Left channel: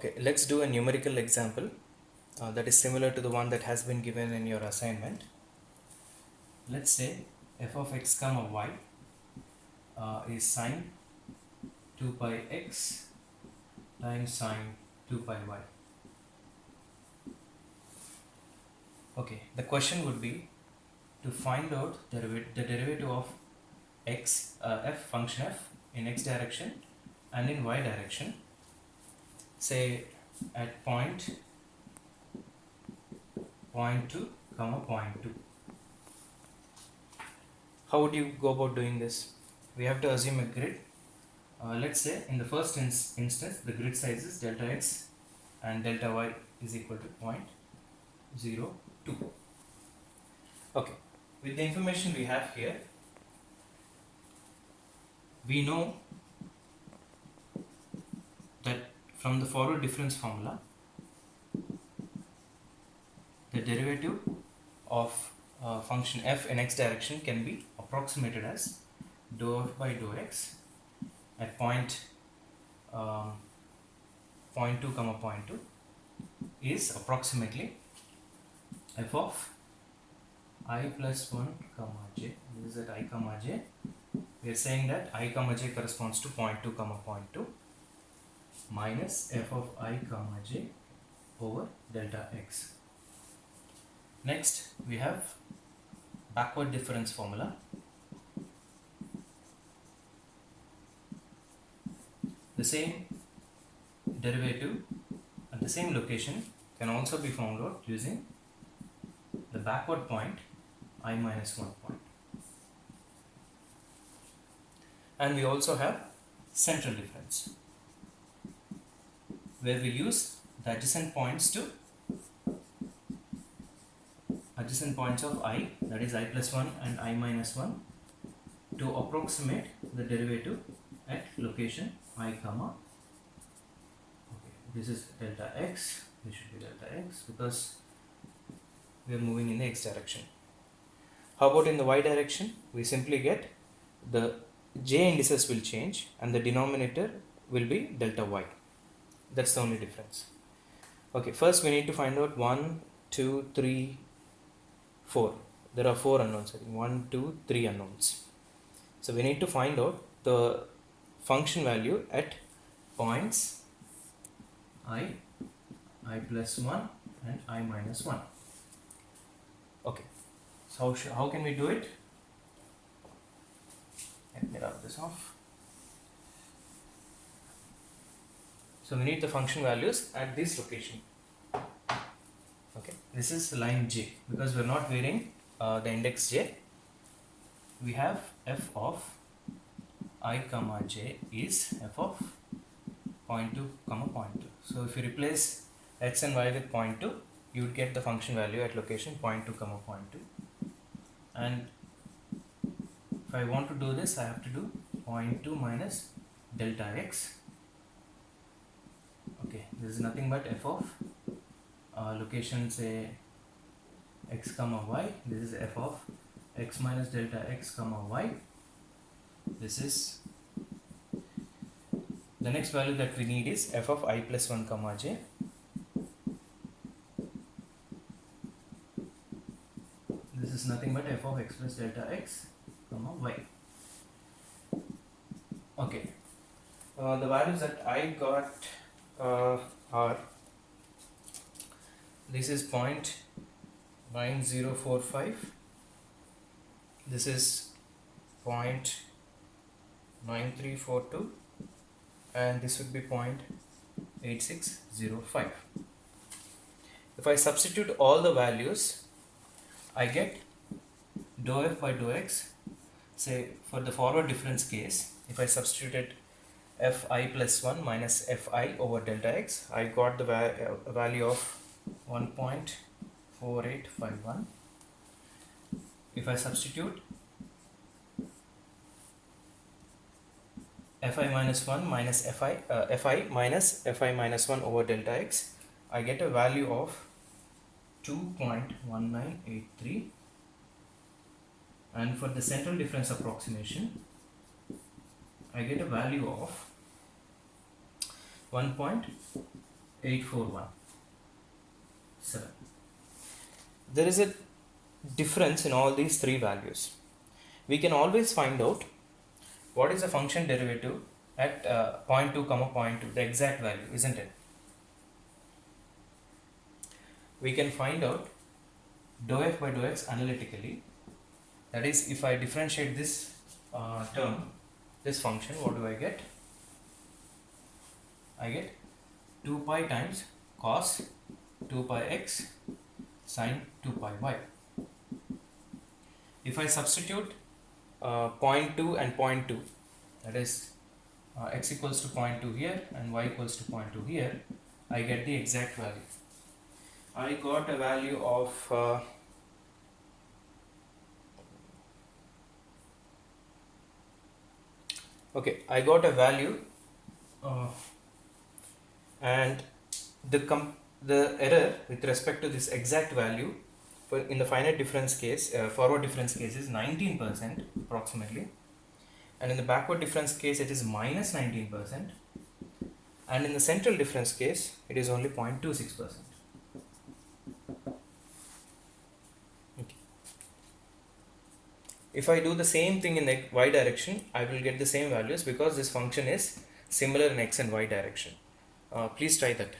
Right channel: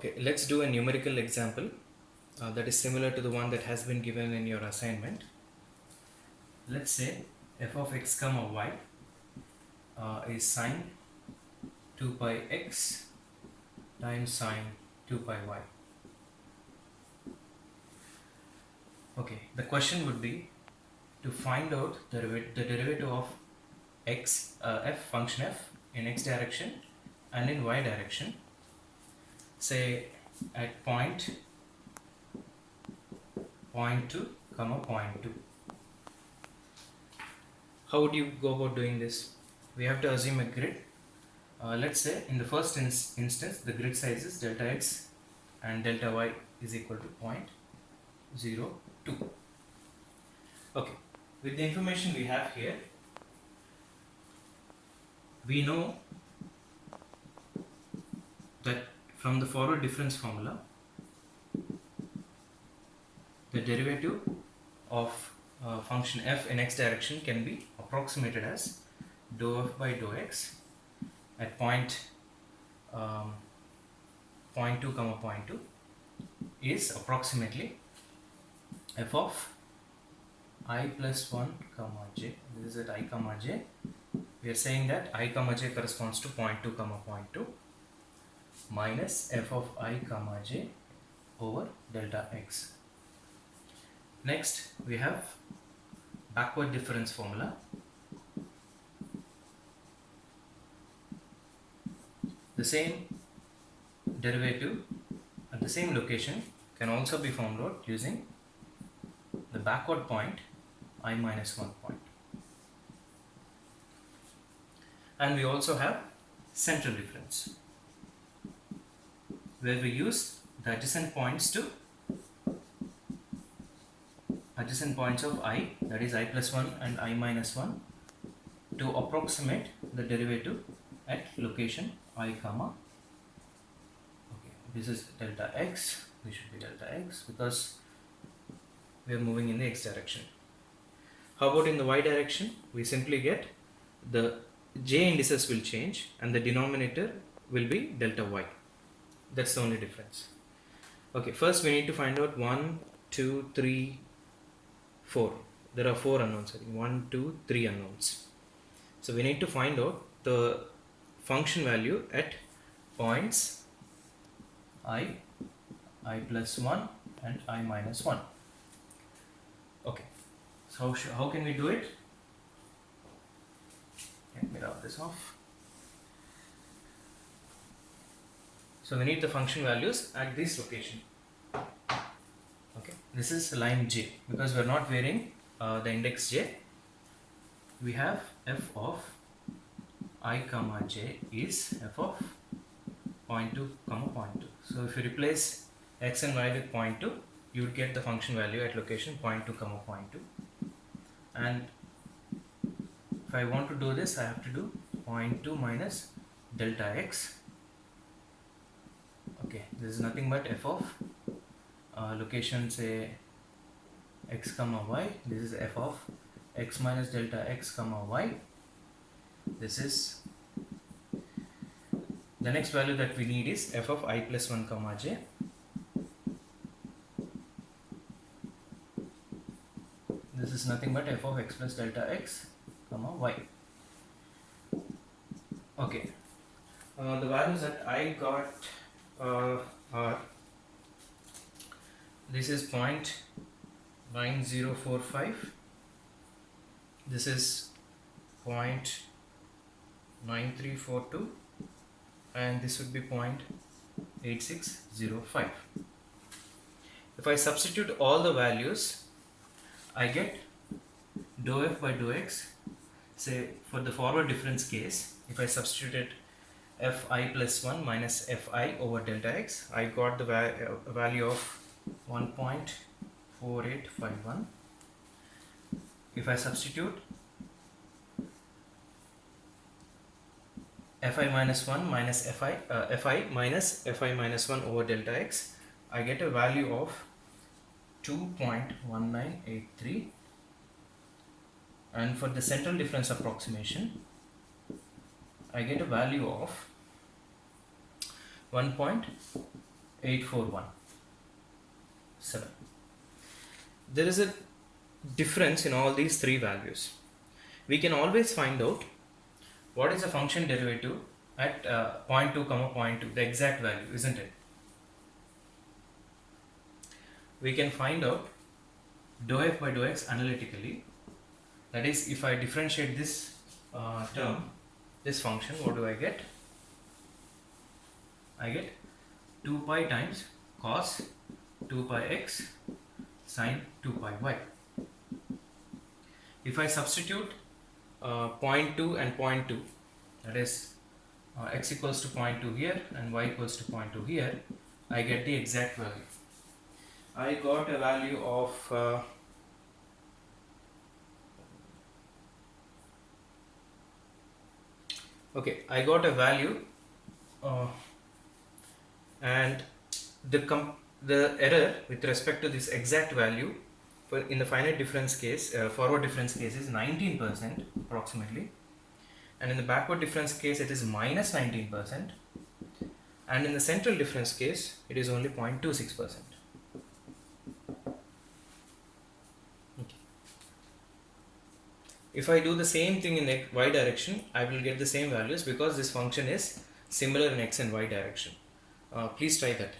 Okay, let's do a numerical example that is similar to the one that has been given in your assignment. Let's say f of x comma y is sine 2 pi x times sine 2 pi y. Okay, the question would be to find out the derivative of x f function f in x direction and in y direction, say at point 0.2 comma 0.2. How would you go about doing this? We have to assume a grid. Let's say in the first instance the grid size is delta x and delta y is equal to 0.02. Okay, with the information we have here, we know that from the forward difference formula the derivative of function f in x direction can be approximated as dou f by dou x at point 0.2 comma 0.2 is approximately f of I plus 1 comma j. This is at I comma j. We are saying that I comma j corresponds to 0.2 comma 0.2 minus f of I comma j over delta x. Next we have backward difference formula. The same derivative at the same location can also be found out using the backward point I minus 1 point. And we also have central difference, where we use the adjacent points of I, that is I plus 1 and I minus 1, to approximate the derivative at location I comma. Okay, this is delta x, this should be delta x because we are moving in the x direction. How about in the y direction? We simply get the j indices will change and the denominator will be delta y. That's the only difference. Okay, first we need to find out 1, 2, 3, 4. There are 4 unknowns. 1, 2, 3 unknowns. So we need to find out the function value at points I plus 1 and I minus 1. Okay, so how can we do it? Let me rub this off. So we need the function values at this location. Okay, this is line j because we are not varying the index j. We have f of I comma j is f of 0.2 comma 0.2. So if you replace x and y with 0.2, you will get the function value at location 0.2 comma 0.2. And if I want to do this, I have to do 0.2 minus delta x. Okay, this is nothing but f of location, say x comma y. This is f of x minus delta x comma y. This is the next value that we need is f of I plus 1 comma j. This is nothing but f of x plus delta x comma y. Okay, the values that I got are, this is 0.9045, this is 0.9342, and this would be 0.8605. If I substitute all the values, I get dou f by dou x. Say for the forward difference case, if I substituted fi plus 1 minus fi over delta x, I got the value of 1.4851. If I substitute fi minus 1 minus fi minus fi minus 1 over delta x, I get a value of 2.1983. And for the central difference approximation, I get a value of 1.4851. 8417. There is a difference in all these three values. We can always find out what is the function derivative at 0.2 comma 0.2, the exact value, isn't it? We can find out dou f by dou x analytically. That is, if I differentiate this term, this function, what do I get? I get 2 pi times cos 2 pi x sin 2 pi y. If I substitute 0.2 and 0.2, that is x equals to 0.2 here and y equals to 0.2 here, I get the exact value. I got a value of I got a value and the error with respect to this exact value in the finite difference case, forward difference case, is 19% approximately, and in the backward difference case it is minus 19%, and in the central difference case it is only 0.26%. If I do the same thing in y direction, I will get the same values because this function is similar in x and y direction. Please try that.